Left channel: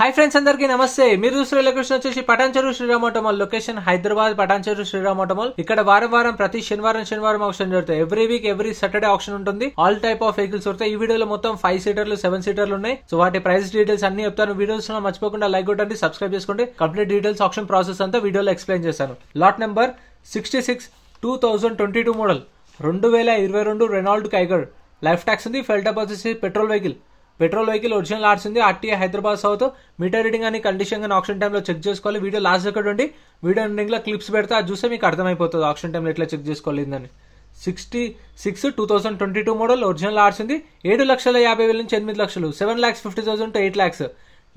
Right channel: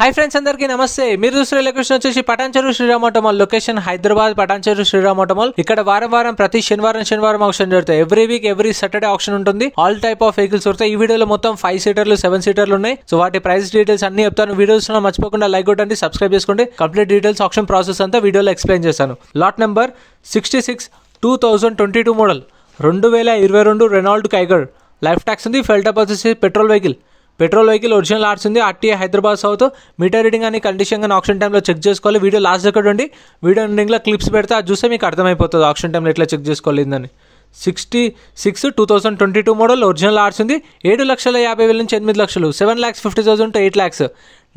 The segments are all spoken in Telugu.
హాయ్ ఫ్రెండ్స్, అందరికీ నమస్తే. మీరు చూస్తున్న లొకేషన్ వచ్చేసి Patan Cheruvu Sriram auto mall. Location Hyderabad Patan Cheruvu Sriram auto mall. ఇక్కడ వారం ప్రతి శనివారం ఆప్షన్ జరుగుతాయి. Every week every Saturday option ఉంటుంది. ఆల్ టైప్ ఆఫ్ వెహికల్స్ దొరుకుతాయి. ఈ వీడియోలో మొత్తం 5 సీటర్లు 7 సీటర్లు ఉన్నాయి. సో వాటి ప్రైస్ డీటెయిల్స్ అన్ని చెప్తాను. వీడియోస్ లో మర్చిపోకుండా లైక్ కొట్టండి, సబ్స్క్రైబ్ చేసుకోండి. కంప్లీట్ డీటెయిల్స్ ఆప్షన్ ప్రాసెస్ అంతా వీడియోలో ఎక్స్ప్లెయిన్ చేస్తాను. Lot number 66 2022 model 2022 Renault Kiger. Life tax ఉంది. ఫెల్ టాప్ వచ్చేసి పెట్రోల్ వెహికల్ ఒరిజినల్ ఆర్ట్స్ ఉంది. RTA Hyderabad south. Meter reading అని కండిషన్ కానీ ఆప్షన్ టైంలో చెక్ చేసుకోవాలి. వీడియో లాస్ట్ దగ్గర ఉండి వీడియో ఎండింగ్లో క్లిప్స్ పెడితే అది చూస్తే మీకు అర్థమైపోతుంది ఆప్షన్ టైంలో ఎట్లా చెక్ చేసుకోలేదని. 66 2022 మోడల్ ఒరిజినల్ ఆర్ట్స్ ఉంది. 7,50,000 నుంచి 8 లక్షలు, 7,50,000 to 8 lakhs.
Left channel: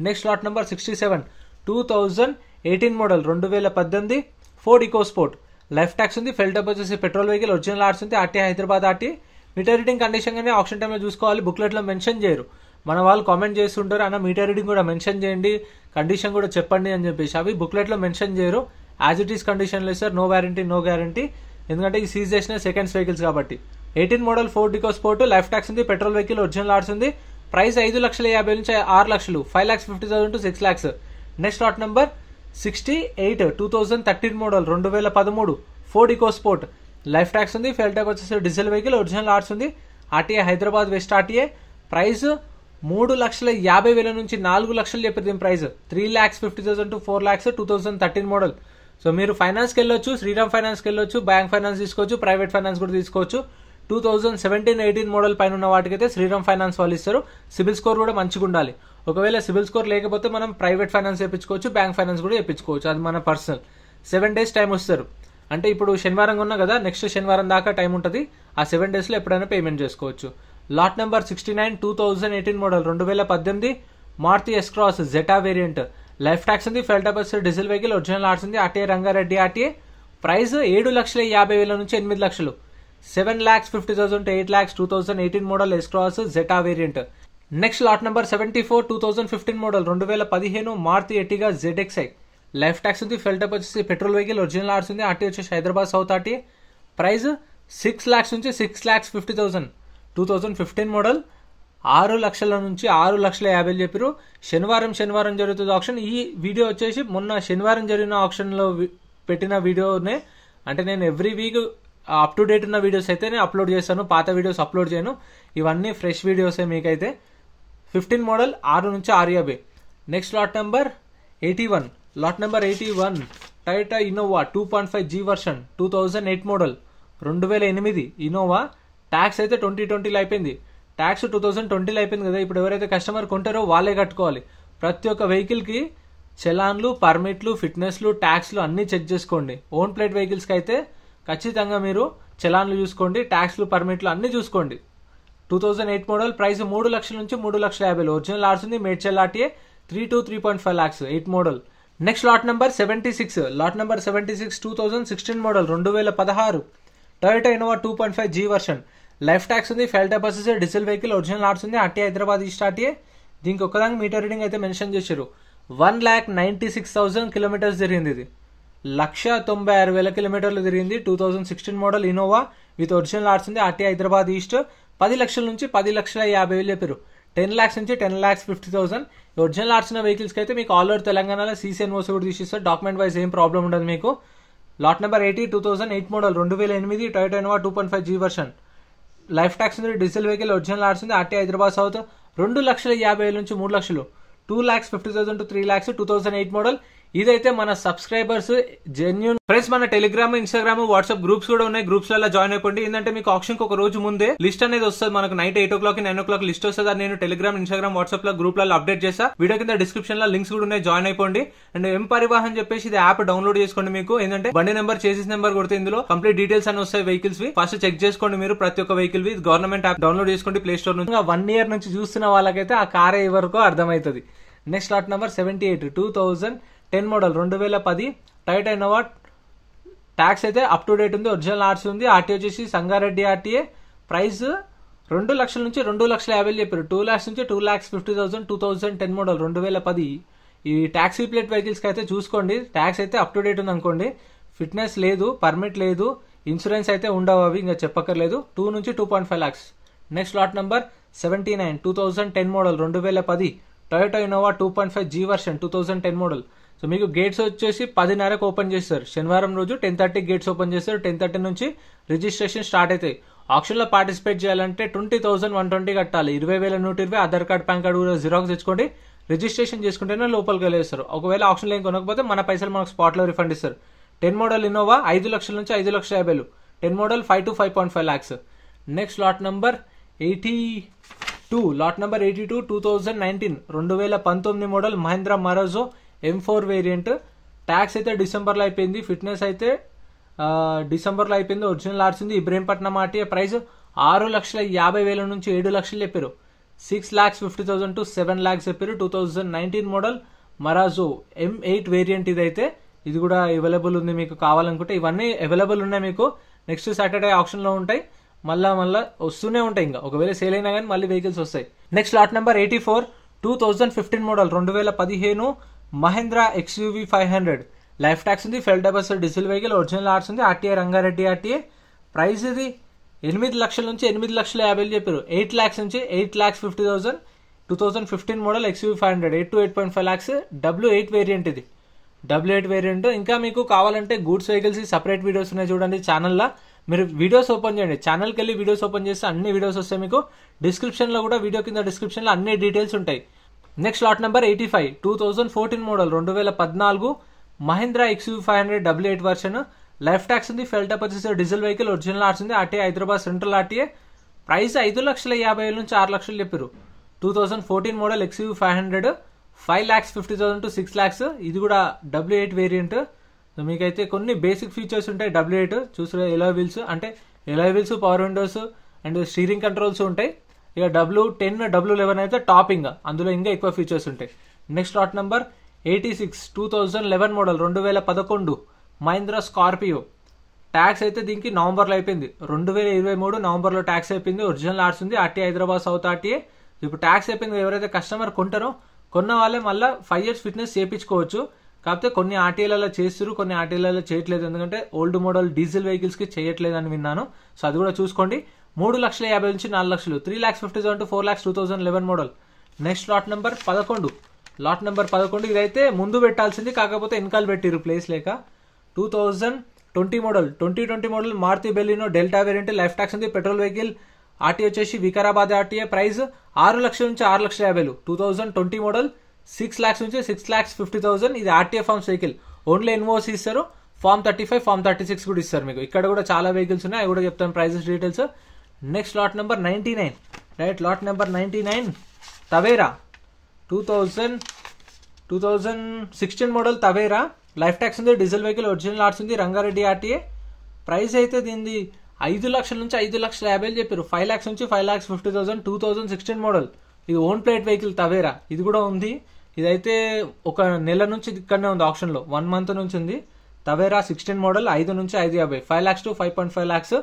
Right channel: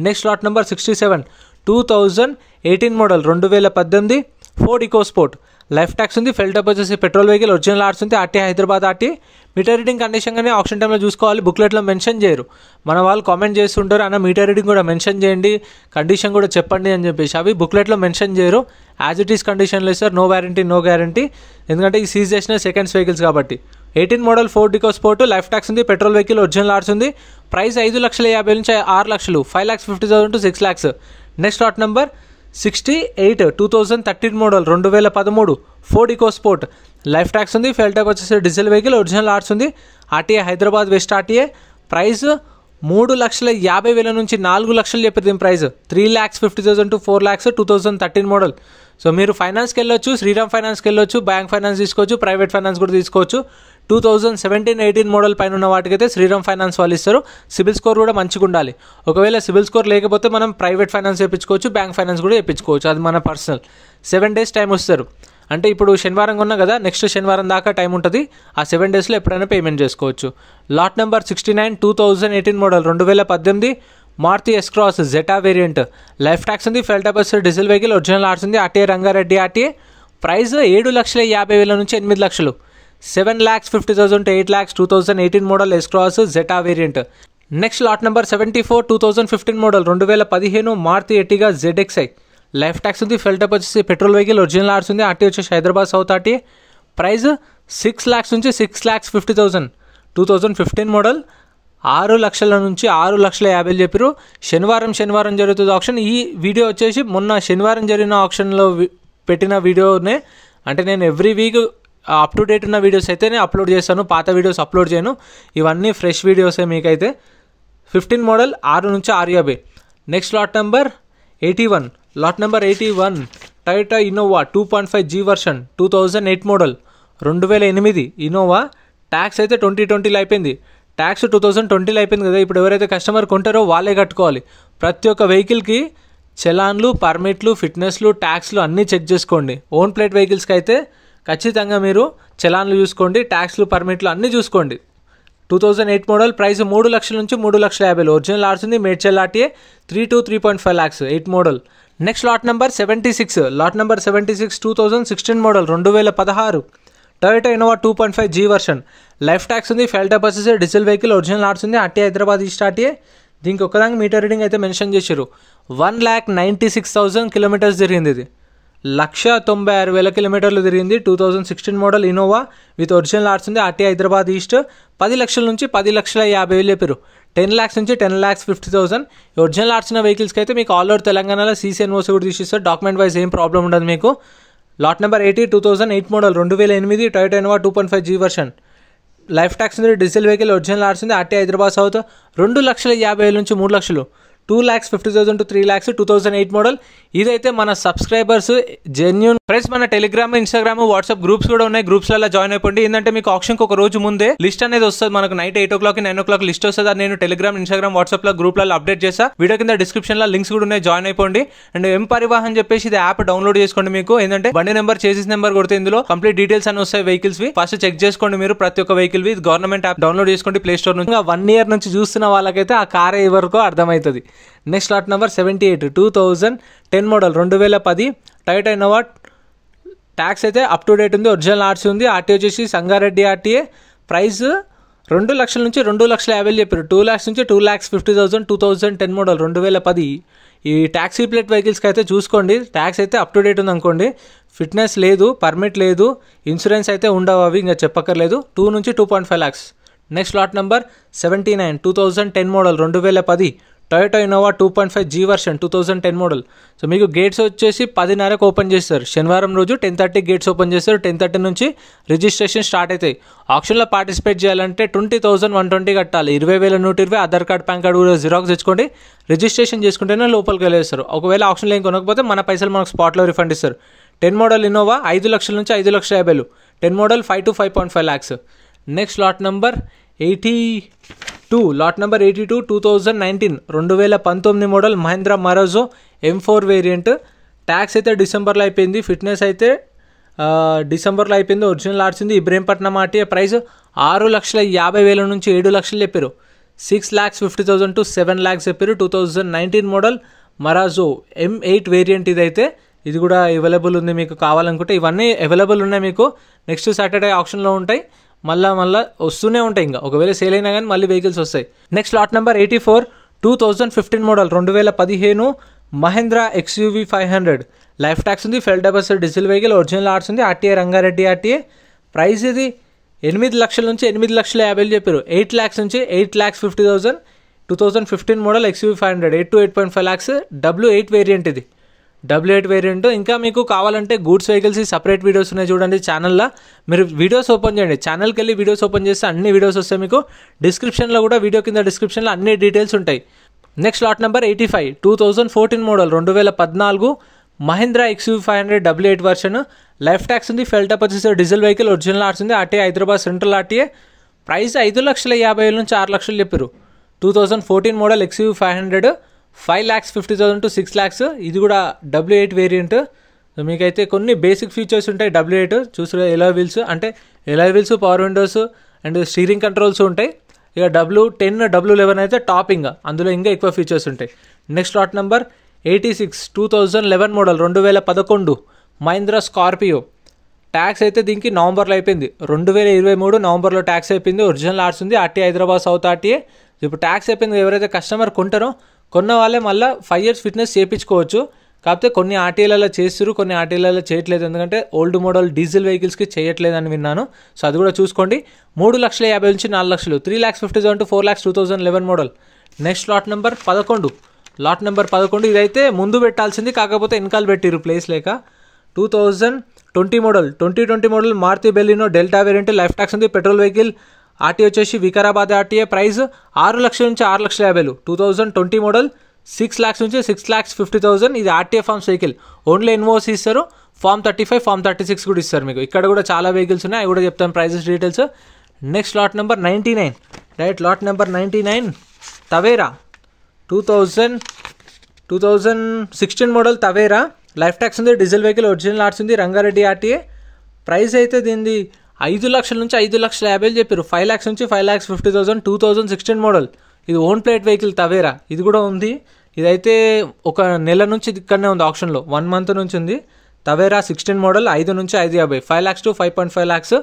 Next lot number 67 2018 model 2018 Ford EcoSport. Life tax ఉంది. ఫెల్ టాప్ వచ్చేసి పెట్రోల్ వెహికల్ ఒరిజినల్ ఆర్ట్స్ ఉంది. RTA Hyderabad RTA. Meter reading condition కానీ ఆప్షన్ టైంలో చూసుకోవాలి. బుక్లెట్లో మెన్షన్ చేయరు. మన వాళ్ళు కామెంట్ చేస్తుంటారు, అన్న మీటర్ రీడింగ్ కూడా మెన్షన్ చేయండి, కండిషన్ కూడా చెప్పండి అని చెప్పేసి. అవి బుక్లెట్లో మెన్షన్ చేయరు. యాజ్ ఇట్ ఈస్ కండిషన్లో ఇస్తారు. No guarantee. ఎందుకంటే ఈ సీజ్ చేసిన సెకండ్స్ వెహికల్స్ కాబట్టి. 18 model Ford EcoSport. Life tax ఉంది. పెట్రోల్ వెహికల్ ఒరిజినల్ ఆర్ట్స్ ఉంది. ప్రైస్ 5,50,000 నుంచి 6 లక్షలు, 5,50,000 to 6 lakhs. Next lot number 68 2013 model 2013 Ford EcoSport. Life tax ఉంది. ఫెల్ టాప్ వచ్చేసి డీజిల్ వెహికల్ ఒరిజినల్ ఆర్ట్స్ ఉంది. RTA Hyderabad west RTA. Price 3,50,000 నుంచి 4 లక్షలు చెప్పారు. దీని price 3,50,000 to 4 lakhs. 2013 model. So మీరు ఫైనాన్స్కి వెళ్ళొచ్చు, శ్రీరామ్ ఫైనాన్స్కి వెళ్ళొచ్చు, బ్యాంక్ ఫైనాన్స్ తీసుకోవచ్చు, ప్రైవేట్ ఫైనాన్స్ కూడా తీసుకోవచ్చు. 2017-18 మోడల్ పైన ఉన్న వాటికైతే శ్రీరామ్ ఫైనాన్స్ వాళ్ళు ఇస్తారు. సిబిల్ స్కోర్ కూడా మంచిగా ఉండాలి. ఒకవేళ సిబిల్ స్కోర్ లేకపోతే మనం ప్రైవేట్ ఫైనాన్స్ చేయించుకోవచ్చు, బ్యాంక్ ఫైనాన్స్ కూడా చేయించుకోవచ్చు. అది మన పర్సనల్. 7 days టైం వస్తారు. అంటే ఇప్పుడు శనివారం ఉన్నా కదా, నెక్స్ట్ శనివారం దాకా టైం ఉంటుంది. ఆ 7 daysలో ఎప్పుడైనా పేమెంట్ చేసుకోవచ్చు. Lot number 69 2018 model 2018 Maruti S Cross Zeta variant. Life tax ఉంది. ఫెల్ టాప్ డీజిల్ వెహికల్ ఒరిజినల్ ఆర్ట్స్ ఉంది. RTA Rangareddy RTA. ప్రైస్ 7,50,000 నుంచి 8 లక్షలు, 7,50,000 to 8 lakhs. 2018 model S Cross Zeta variant. Next lot number 74 2015 model 2015 Maruti Ertiga ZXi. Life tax ఉంది. ఫెల్ టాప్ వచ్చేసి పెట్రోల్ వెహికల్ ఒరిజినల్ ఆర్ట్స్ ఉంది. ఆర్టీ వచ్చేసి Hyderabad south RT. Price 6 lakhs నుంచి 6,50,000. 2015 మోడల్ 6 లక్షల నుంచి 6,50,000 చెప్పారు. శనివారం జరుగుతుంది ఆప్షన్. ఈ వీడియో వచ్చేసి మొన్న శనివారం జరిగిన ఆప్షన్లో పెట్టిన వీడియోనే. అంటే నేను every week up to date ఉన్న వీడియోస్ అయితే నేను అప్లోడ్ చేస్తాను, పాత వీడియోస్ అప్లోడ్ చేయను. ఇవన్నీ ఫ్రెష్ వీడియోసే మీకైతే. 15 మోడల్ 6 నుంచి 6,50,000. Next lot number 81 Toyota Innova 2.5G version 2008 model 2008 Innova. Tax అయితే 2020లో అయిపోయింది. ట్యాక్స్ 2020లో అయిపోయింది కదా. ఇప్పుడు ఎవరైతే కస్టమర్ కొంటారో వాళ్ళే కట్టుకోవాలి. ప్రతి ఒక్క వెహికల్కి చలాన్లు, పర్మిట్లు, ఫిట్నెస్లు, ట్యాక్స్లు అన్నీ చెక్ చేసుకోండి. ఓన్ ప్లేట్ వెహికల్స్కి అయితే ఖచ్చితంగా మీరు చలాన్లు చూసుకోండి, ట్యాక్స్లు, పర్మిట్లు అన్నీ చూసుకోండి. 2008 మోడల్. ప్రైస్ 3 లక్షల నుంచి 3,50,000. ఒరిజినల్ ఆర్ట్స్ ఉంది. Medchal RTA 3 to 3.5 lakhs. 8 model. Next lot number 76 2016 model 2016 Toyota Innova 2.5G version. Life tax ఉంది. ఫెల్ టాప్ వచ్చేసి డీజిల్ వెహికల్ ఒరిజినల్ ఆర్ట్స్ ఉంది. RTA Hyderabad east RTA. దీనికి ఒకదానికి మీటర్ రీడింగ్ అయితే మెన్షన్ చేశారు. 1,96,000 కిలోమీటర్స్ తిరిగింది. ఇది 1,96,000 కిలోమీటర్లు తిరిగింది. 2016 మోడల్ ఇన్నోవా విత్ ఒరిజినల్ ఆర్ట్స్ ఉంది. RTA Hyderabad east. 10 లక్షల నుంచి 10,50,000 చెప్పారు. 10 lakhs నుంచి 10,50,000. ఒరిజినల్ ఆర్ట్స్ ఉన్న వెహికల్స్కి అయితే మీకు ఆల్ ఓవర్ తెలంగాణలో CCNOC కూడా తీసిస్తారు. డాక్యుమెంట్ వైజ్ ఏం ప్రాబ్లం ఉండదు మీకు. Lot number 80 2008 model 2008 Toyota Innova 2.5G version. Life tax ఉంది. డీజిల్ వెహికల్ ఒరిజినల్ ఆర్ట్స్ ఉంది. RT Hyderabad south. 2,50,000 నుంచి 3 లక్షలు, 2,50,000 to 3 lakhs. 2008 మోడల్. ఇదైతే మన సబ్స్క్రైబర్స్ జెన్యూన్ ఫ్రెండ్స్. మన టెలిగ్రామ్, ఇన్స్టాగ్రామ్, వాట్సాప్ గ్రూప్స్ కూడా ఉన్నాయి. గ్రూప్స్లలో జాయిన్ అయిపోండి. ఏంటంటే మీకు ఆప్షన్కి ఒక రోజు ముందే లిస్ట్ అనేది వస్తుంది. మనకు నైట్ 8 o'clock 9 o'clock లిస్ట్ వస్తుంది. అది నేను టెలిగ్రామ్, ఇన్స్టాగ్రామ్, వాట్సాప్ లో గ్రూప్లలో అప్డేట్ చేస్తా. వీడియో కింద డిస్క్రిప్షన్ లో లింక్స్ కూడా ఉన్నాయి, జాయిన్ అయిపోండి. అండ్ ఎం పరివాహన్ చెప్పేసి ఇది యాప్ డౌన్లోడ్ చేసుకోండి. మీకు ఏంటంటే బండి నెంబర్, చేసేస్ నెంబర్ కొడితే ఇందులో కంప్లీట్ డీటెయిల్స్ అని వస్తాయి వెహికల్స్ వి. ఫస్ట్ చెక్ చేసుకోండి మీరు ప్రతి ఒక్క వెహికల్ వి. గవర్నమెంట్ యాప్ డౌన్లోడ్ చేసుకోండి ప్లే స్టోర్ నుంచి. 1 year నుంచి చూస్తున్న వాళ్ళకైతే ఆ కార్ ఎవరికో అర్థమవుతుంది. Next lot number 78 2010 model 2010 Toyota Innova. Tax అయితే అప్ టు డేట్ ఉంది. ఒరిజినల్ ఆర్ట్స్ ఉంది. ఆర్టీఏ వచ్చేసి సంగారెడ్డి ఆర్టీఏ. ప్రైస్ 2 లక్షల నుంచి 2,50,000 చెప్పారు. 2 lakhs నుంచి 2,50,000. 2010 మోడల్ 2010. ఈ ట్యాక్సీ ప్లేట్ వెహికల్స్కి అయితే చూసుకోండి. ట్యాక్స్ అయితే అప్ టు డేట్ ఉంది అనుకోండి. ఫిట్నెస్ లేదు, పర్మిట్ లేదు, ఇన్సూరెన్స్ అయితే ఉండవు. అవి ఇంకా చెప్పక్కర్లేదు. 2 నుంచి 2.5 lakhs. Next lot number 79 2010 model 2010 Toyota Innova 2.5 G version 2010 model. So మీకు గేట్స్ వచ్చేసి 10:30కి ఓపెన్ చేస్తారు. శనివారం రోజు 10:30 గేట్స్ ఓపెన్ చేస్తారు. 10:30 నుంచి రిజిస్ట్రేషన్ స్టార్ట్ అవుతాయి. ఆప్షన్లో పార్టిసిపేట్ చేయాలంటే 20,120 కట్టాలి. 20,120 ఆధార్ కార్డ్ పాన్ కార్డు కూడా జిరాక్స్ తెచ్చుకోండి. రిజిస్ట్రేషన్ చేసుకుంటేనే లోపలికి వెళ్ళేస్తారు. ఒకవేళ ఆప్షన్లో ఏం కొనకపోతే మన పైసలు మనకు స్పాట్లో రిఫండ్ ఇస్తారు. 10 మోడల్ ఇన్నోవా 5 లక్షల నుంచి 5,50,000. 10 model 5 to 5.5 lakhs. Next lot number 82. Lot number 82 2019 2019 model Mahindra Marazzo M4 variant. Tax అయితే డిసెంబర్లో అయిపోయింది. ఫిట్నెస్ అయితే డిసెంబర్లో అయిపోయింది. ఒరిజినల్ ఆర్ట్స్ ఉంది. ఇబ్రహీంపట్నం ఆర్టీఏ. ప్రైస్ 6,50,000 నుంచి 7 లక్షలు చెప్పారు. 6,50,000 to 7 lakhs చెప్పారు. 2019 మోడల్ మరాజో M8 వేరియంట్ ఇదైతే. ఇది కూడా అవైలబుల్ ఉంది మీకు కావాలనుకుంటే. ఇవన్నీ అవైలబుల్ ఉన్నాయి మీకు. నెక్స్ట్ సాటర్డే ఆప్షన్లో ఉంటాయి. మళ్ళీ వస్తూనే ఉంటాయి. ఇంకా ఒకవేళ సేల్ అయినా కానీ మళ్ళీ వెహికల్స్ వస్తాయి. Next lot number 84 2015 model 2015 Mahindra XUV 500. Life tax ఉంది. Full deposit diesel vehicle. Original ఆర్ట్స్ ఉంది. RTA Rangareddy RTA. ప్రైస్ ఇది 8 లక్షల నుంచి 8,50,000 చెప్పారు. 8 lakhs నుంచి 8,50,000. 2015 model XUV 500 8 to 8.5 lakhs. W8 variant ఇది. W8 variant. ఇంకా మీకు కావాలంటే గూడ్స్ వెహికల్స్ సపరేట్ వీడియోస్ ఉన్నాయి చూడండి ఛానల్లో. మీరు వీడియోస్ ఓపెన్ చేయండి. ఛానల్కి వెళ్ళి వీడియోస్ ఓపెన్ చేస్తే అన్ని వీడియోస్ వస్తాయి మీకు. డిస్క్రిప్షన్లో కూడా వీడియో కింద డిస్క్రిప్షన్లో అన్ని డీటెయిల్స్ ఉంటాయి. Next lot number 85 2014 model 2014 Mahindra XUV 500 W8 version. Life tax ఉంది. Full deposit diesel vehicle. Original ఆర్ట్స్ ఉంది. RTA Hyderabad central RTA. Price 5,50,000 నుంచి 6 లక్షలు చెప్పారు. 2014 మోడల్ XUV 500 5,50,000 to 6 lakhs. ఇది కూడా W8 వేరియంట్. మీకైతే కొన్ని బేసిక్ ఫీచర్స్ ఉంటాయి. W8 చూసారా, ఎలాయ్ వీల్స్ అంటే alloy wheels, power Windows and steering controls ఉంటాయి. ఇక W10 W11 అయితే టాపింగ్, అందులో ఇంకా ఎక్కువ ఫీచర్స్ ఉంటాయి. Next lot number 86 2011 model 2011 Mahindra Scorpio. Tax అయితే దీనికి నవంబర్లో అయిపోయింది. 2023 నవంబర్లో ట్యాక్స్ అయిపోయింది. ఒరిజినల్ ఆర్ట్స్ ఉంది. RTA Hyderabad south RTA. ఇప్పుడు ట్యాక్స్ అయిపోయింది. ఎవరైతే కస్టమర్ కొంటారో కొన్న వాళ్ళే మళ్ళీ 5 years ఫిట్నెస్ చేయించుకోవచ్చు. కాకపోతే కొన్ని ఆర్టీఏలలో చేస్తారు, కొన్ని ఆర్టీఏలలో చేయట్లేదు. ఎందుకంటే ఓల్డ్ మోడల్ డీజిల్ వెహికల్స్కి చేయట్లేదని విన్నాను. సో అది కూడా చూసుకోండి. 3,50,000 నుంచి 4 లక్షలు. 3,50,000 to 4 lakhs 2011 model. Next lot number 11. Lot number 11 ఇదైతే ముందు పెట్టాల్సింది, కాకపోతే వెనకాల పెట్టిరు ప్లేస్ లేక. 2020 model 2020 model Maruti Baleno Delta variant. Life tax ఉంది. Petrol vehicle. ఆర్టీఏ వచ్చేసి వికారాబాద్ ఆర్టీఏ. ప్రైస్ 6 లక్షల నుంచి 6,50,000. 2020 మోడల్ 6 lakhs నుంచి 6,50,000. ఇది RTA forms vehicle. Only NOC ఇస్తారు. ఫార్మ్ 35 ఫార్మ్ 36 కూడా ఇస్తారు మీకు. ఇక్కడ కూడా చాలా వెహికల్స్ ఉన్నాయి, అవి కూడా చెప్తాను prices details. Next lot number 99. Right, lot number 99 Tavera 2016 model Tavera. Life tax ఉంది. Diesel vehicle. ఒరిజినల్ ఆర్ట్స్ ఉంది. రంగారెడ్డి ఆర్టీఏ. ప్రైస్ అయితే దీనిది 5 లక్షల నుంచి 5,50,000 చెప్పారు. 5 lakhs నుంచి 5,50,000. 2016 మోడల్. ఇది ఓన్ ప్లేట్ వెహికల్ తవేరా. ఇది కూడా ఉంది. ఇదైతే ఒక నెల నుంచి ఇక్కడనే ఉంది ఆప్షన్లో. 1 month నుంచి ఉంది. తవేరా 16 మోడల్ 5 నుంచి 5,50,000. 5 lakhs to 5.5 lakhs.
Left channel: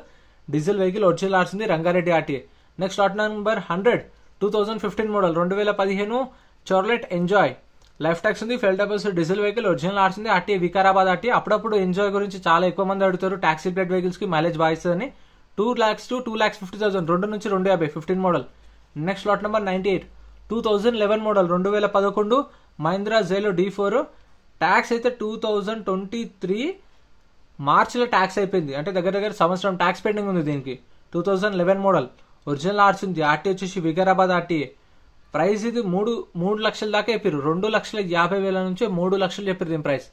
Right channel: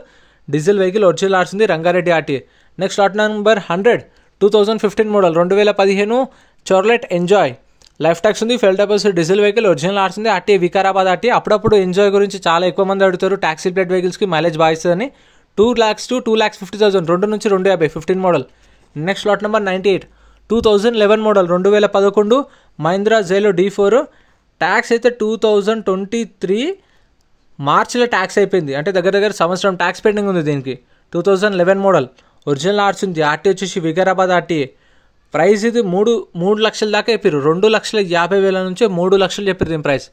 Diesel vehicle. Original ఆర్ట్స్ ఉంది. Rangareddy RTA. Next lot number 100 2015 model 2015 Chevrolet Enjoy. Life tax ఉంది. Full deposit diesel vehicle. Original ఆర్ట్స్ ఉంది. RTA Vikarabad RTA. అప్పుడప్పుడు ఎంజాయ్ గురించి చాలా ఎక్కువ మంది అడుగుతారు. ట్యాక్సీ ప్లేట్ వెహికల్స్కి మైలేజ్ బాగా ఇస్తుందని. 2 lakhs to 2,50,000. 2 నుంచి 2,50,000. 15 model. Next lot number 98 2011 model 2011 Mahindra Xylo D4. Tax అయితే 2023 మార్చిలో ట్యాక్స్ అయిపోయింది. అంటే దగ్గర దగ్గర సంవత్సరం ట్యాక్స్ పెండింగ్ ఉంది దీనికి. 2011 మోడల్. ఒరిజినల్ ఆర్ట్స్ ఉంది. ఆర్టీఏ వచ్చేసి వికారాబాద్ ఆర్టీఏ. ప్రైస్ ఇది 3 లక్షల దాకా చెప్పారు. 2,50,000 నుంచి 3 లక్షలు చెప్పారు దీని ప్రైస్.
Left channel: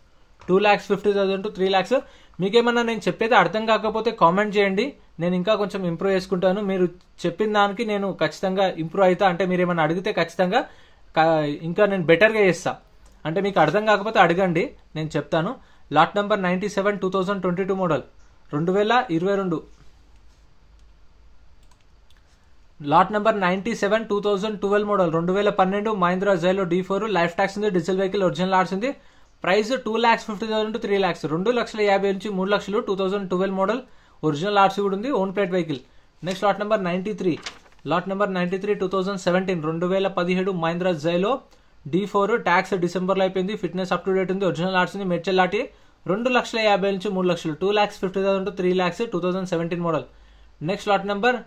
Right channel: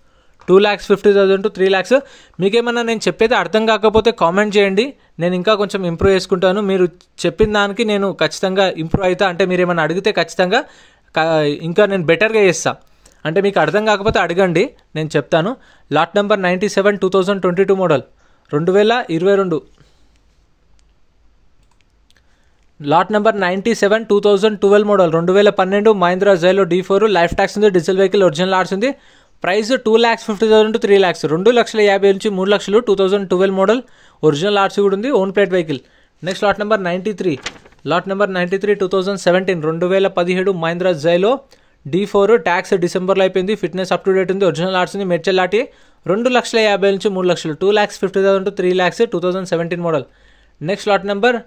2,50,000 to 3 lakhs. మీకేమన్నా నేను చెప్పేది అర్థం కాకపోతే కామెంట్ చేయండి. నేను ఇంకా కొంచెం ఇంప్రూవ్ చేసుకుంటాను. మీరు చెప్పిన దానికి నేను ఖచ్చితంగా ఇంప్రూవ్ అవుతా. అంటే మీరు ఏమైనా అడిగితే ఖచ్చితంగా ఇంకా నేను బెటర్గా చేస్తాను. అంటే మీకు అర్థం కాకపోతే అడగండి, నేను చెప్తాను. Lot number 97 2022 model 2022. Lot number 97 2012 model 2012 Mahindra Xylo D4. Life tax ఉంది. Diesel vehicle. ఒరిజినల్ ఆర్ట్స్ ఉంది. Price 2,50,000 to 3 lakhs. 2,50,000 నుంచి 3 లక్షలు. 2012 మోడల్. ఒరిజినల్ ఆర్ట్స్ కూడా ఉంది. Own plate vehicle. Next lot number 93. Lot number 93 2017 2017 Mahindra Xylo D4. Tax డిసెంబర్లో అయిపోయింది. ఫిట్నెస్ అప్ టు డేట్ ఉంది. ఒరిజినల్ ఆర్ట్స్ ఉంది. మెర్చల్ ఆర్టీ. 2,50,000 నుంచి 3 లక్షలు. 2,50,000 to 3 lakhs. 2017 model. Next lot number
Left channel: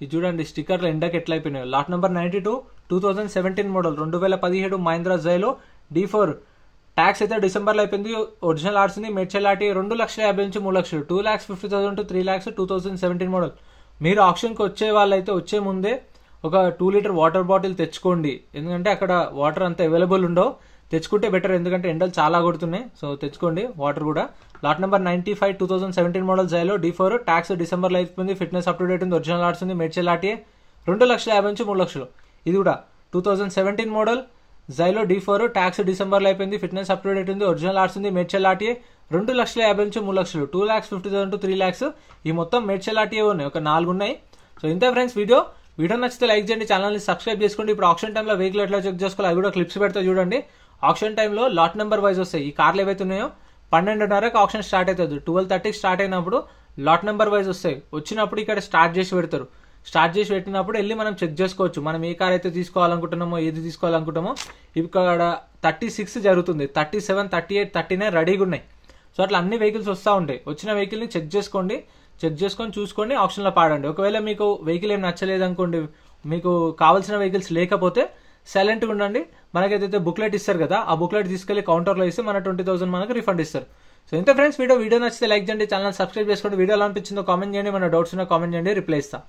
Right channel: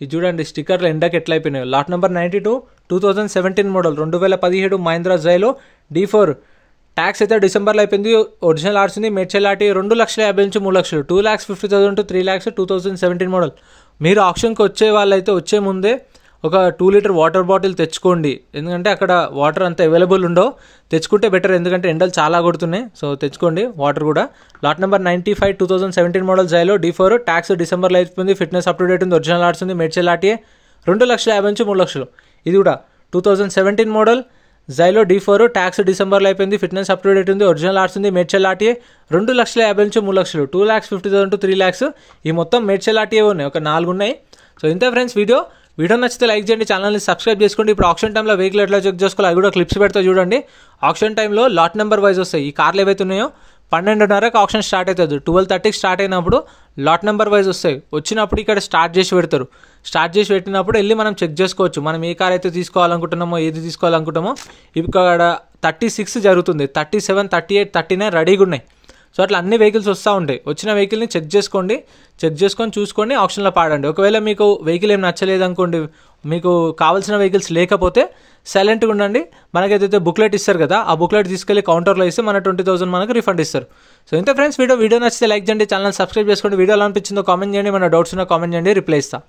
ఇది చూడండి స్టిక్కర్లు ఎండకి ఎట్లా అయిపోయినాయి. Lot number 92 2017 model 2017 Mahindra Xylo D4 tax అయితే డిసెంబర్లో అయిపోయింది. ఒరిజినల్ ఆర్స్ ఉంది. మేడ్చల్ ఆర్టీ 2,50,000 నుంచి 3,00,000 2,50,000 to 3,00,000 2017 మోడల్. మీరు ఆప్షన్కి వచ్చే వాళ్ళైతే వచ్చే ముందే ఒక 2 లీటర్ వాటర్ బాటిల్ తెచ్చుకోండి. ఎందుకంటే అక్కడ వాటర్ అంత అవైలబుల్ ఉండవు. తెచ్చుకుంటే బెటర్, ఎందుకంటే ఎండలు చాలా కొడుతున్నాయి. సో తెచ్చుకోండి వాటర్ కూడా. Lot number 95 2017 model Xylo D4 tax డిసెంబర్లో అయిపోయింది. ఫిట్నెస్ అప్ టు డేట్ ఉంది. ఒరిజినల్ ఆర్ట్స్ ఉంది. మేడ్చల్ ఆర్టీఏ 2,50,000 నుంచి 3,00,000. ఇది కూడా 2017 మోడల్ జైలో D4 ట్యాక్స్ డిసెంబర్లో అయిపోయింది. ఫిట్నెస్ అప్ టు డేట్ ఉంది. ఒరిజినల్ ఆర్ట్స్ ఉంది. మేడ్చల్ ఆర్టీఏ 2,50,000 నుంచి 3,00,000 2,50,000 to 3,00,000. ఈ మొత్తం మేడ్చల్ ఆర్టీఏ ఉన్నాయి, ఒక 4 ఉన్నాయి. సో ఇంతే ఫ్రెండ్స్ వీడియో నచ్చితే లైక్ చేయండి, ఛానల్ని సబ్స్క్రైబ్ చేసుకోండి. ఇప్పుడు ఆప్షన్ టైంలో వెహికల్ ఎట్లా చెక్ చేసుకోవాలి అవి కూడా క్లిప్స్ పెడతా చూడండి. ఆప్షన్ టైంలో లాట్ నెంబర్ వైజ్ వస్తాయి. ఈ కార్లు ఏవైతే ఉన్నాయో 12:30కి ఆప్షన్ స్టార్ట్ అవుతుంది. 12:30కి స్టార్ట్ అయినప్పుడు లాట్ నెంబర్ వైజ్ వస్తాయి. వచ్చినప్పుడు ఇక్కడ స్టార్ట్ చేసి పెడతారు. స్టార్ట్ చేసి పెట్టినప్పుడు వెళ్ళి మనం చెక్ చేసుకోవచ్చు. మనం ఏ కార్ అయితే తీసుకోవాలనుకుంటున్నామో, ఏది తీసుకోవాలనుకుంటామో. ఇక్కడ 36 జరుగుతుంది. 37, 38, 39 రెడీగా ఉన్నాయి. సో అట్లా అన్ని వెహికల్స్ వస్తూ ఉంటాయి. వచ్చిన వెహికల్ని చెక్ చేసుకోండి. చెక్ చేసుకొని చూసుకొని ఆప్షన్లో పాడండి. ఒకవేళ మీకు వెహికల్ ఏం నచ్చలేదు అనుకోండి, మీకు కావాల్సిన వెహికల్స్ లేకపోతే సైలెంట్గా ఉండండి. మనకైతే బుక్లెట్ ఇస్తారు కదా, ఆ బుక్లెట్ తీసుకెళ్ళి కౌంటర్లో ఇస్తే మన 20,000 మనకు రిఫండ్ ఇస్తారు. సో ఇంత ఫ్రెండ్స్ వీడియో నచ్చితే లైక్ చేయండి, ఛానల్ సబ్స్క్రైబ్ చేసుకోండి. వీడియో ఎలా అనిపించిందో కామెంట్ చేయండి. మన డౌట్స్ ఉన్నా కామెంట్ చేయండి, రిప్లై ఇస్తా.